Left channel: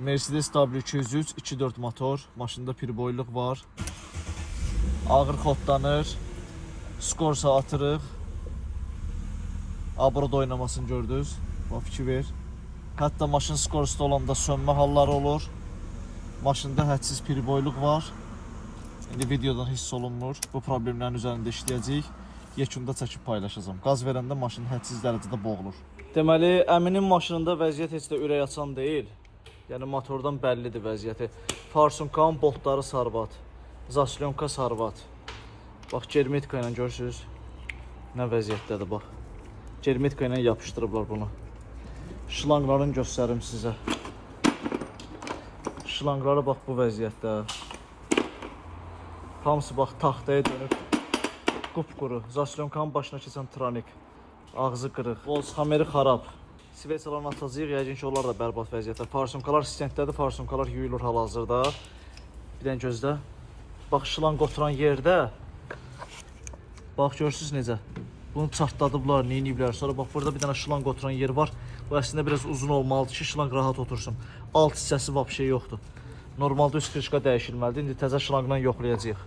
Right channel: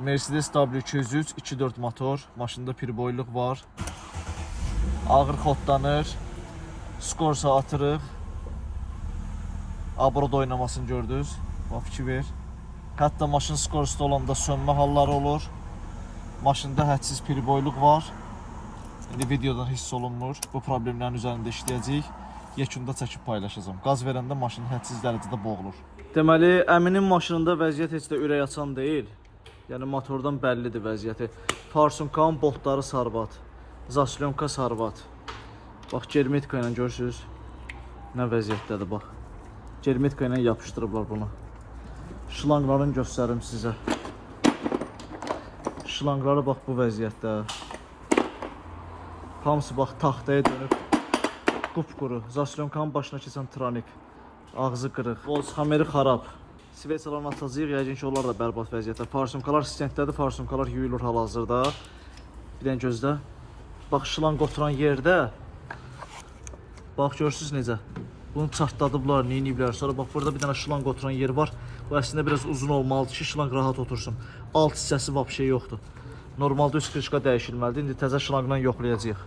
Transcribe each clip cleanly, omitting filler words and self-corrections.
Mercedes W203 2.4 motor. Maşında pirboyluq var. Ağır xodlanır. Skorsa atırıq. Abroda oynamasını gördünüz. Bax, fikir ver. Hətta maşın skorsta olanda sönmə halları olur. Maşında hədsiz pirboyluq var. İndi videoda hiss olunmur. Bu problemlərin üzərində işləyəcəyik. Yekunda çəkib paylaşacağım. Qaz verəndə maşın hədsiz dərəcədə boğulur. Deməli, əminin maşınında vəziyyət heç də ürək açan deyil. Yəni motordan bəllidir vəziyyəti. Farsunkanın boltları sarbat. Zaslonka sarbat. Bax, germetka ilə görürsünüz. Nə vəziyyətdədir, bax. Germetka ilə yapışdırıblar bunu. Şlanqlarını göstərim sizə. Şlanqları bax bu vəziyyətdə. Hamısı bax taxtaya dönüb. Qupquru. Zaslonkanın başına keçən tronik. Ağzı qırıq. Voltsxameri xarab. Sveçalarını atacağıq. Yəqin ki, onlar da bərbad vəziyyətdə. Farsunkalar stentdədir. Farsunkalar yuyulur hal-hazırda. Bir dənə gözlə. Bax, şlanq oturan yerdə. Bax, görürsünüz necə? Bunu çartladıblar, neyiniblər. Sonra bax, burada bir dənə şlanq oturan yer var. Bu əslində biraz uzun olmalıdır ki, şlanq rahat otursun. Alt hissəsi vap şey yoxdur. Normalda üst krişqa dəyişilməlidir. İndi təzə şlanqla yoxlayacağıq.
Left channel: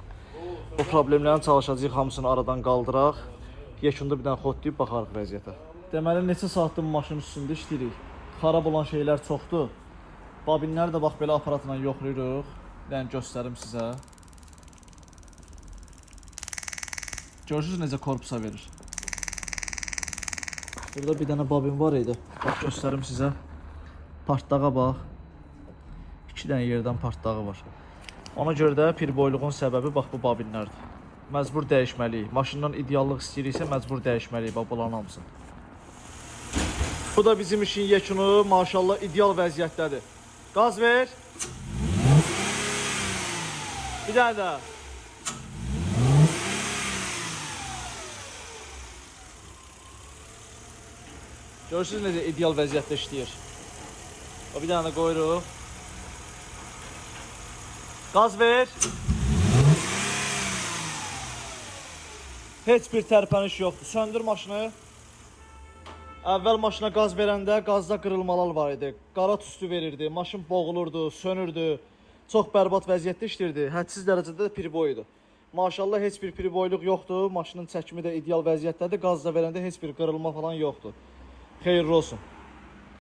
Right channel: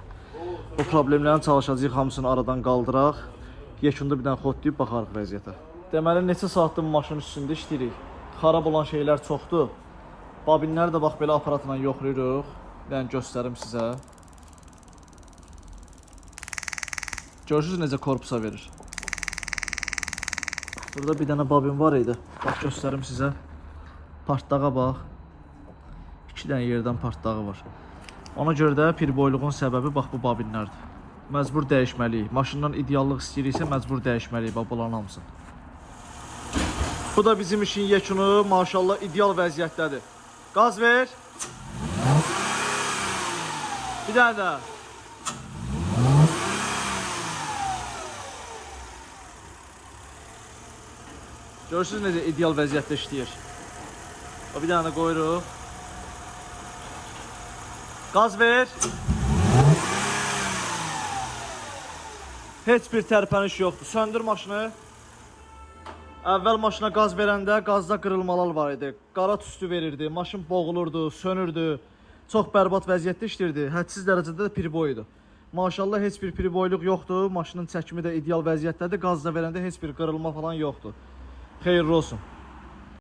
Bu problemlərini çalışacağıq, hamısını aradan qaldıraq. Yekunda bir dənə xodlayıb baxarıq vəziyyətə. Deməli, neçə saatdır maşının üstündə işləyirik. Xarab olan şeylər çoxdur. Babinləri də bax, belə aparatla yoxlayırıq. Bir dənə göstərim sizə. Görürsünüz necə korpusa verir. Burada bir dənə babin var idi. Bax, göstərim sizə. Partdağa bax. 2 dənə yerdən partdağı var. Ona görə də pirboyluğun səbəbi bax bu babinlərdir. Məcbur dəyişməliyik. Maşından ideallıq istəyiriksə məcbur dəyişməliyik bax bunların hamısı. Bu da bizim işin yekunu, maşallah ideal vəziyyətdədir. Qaz ver. Bir dənə də. Görürsünüz necə ideal vəziyyətdə işləyir. Bir dənə də qoyuruq. Qaz ver. Heç bir tərpəniş yoxdur. Söndür maşını. Əvvəl maşına qaz verəndə qazda qırılmalar var idi. Qara tüstü verirdi. Maşın boğulurdu, sönürdü. Çox bərbad vəziyyətdə işləyirdi. Hədsiz dərəcədə də pirboydu. Maşallah heç bir pirboyluq yoxdur. Maşının çəkimi də ideal vəziyyətdədir. Qazda verəndə heç bir qırılma falan yoxdur. Xeyirli olsun.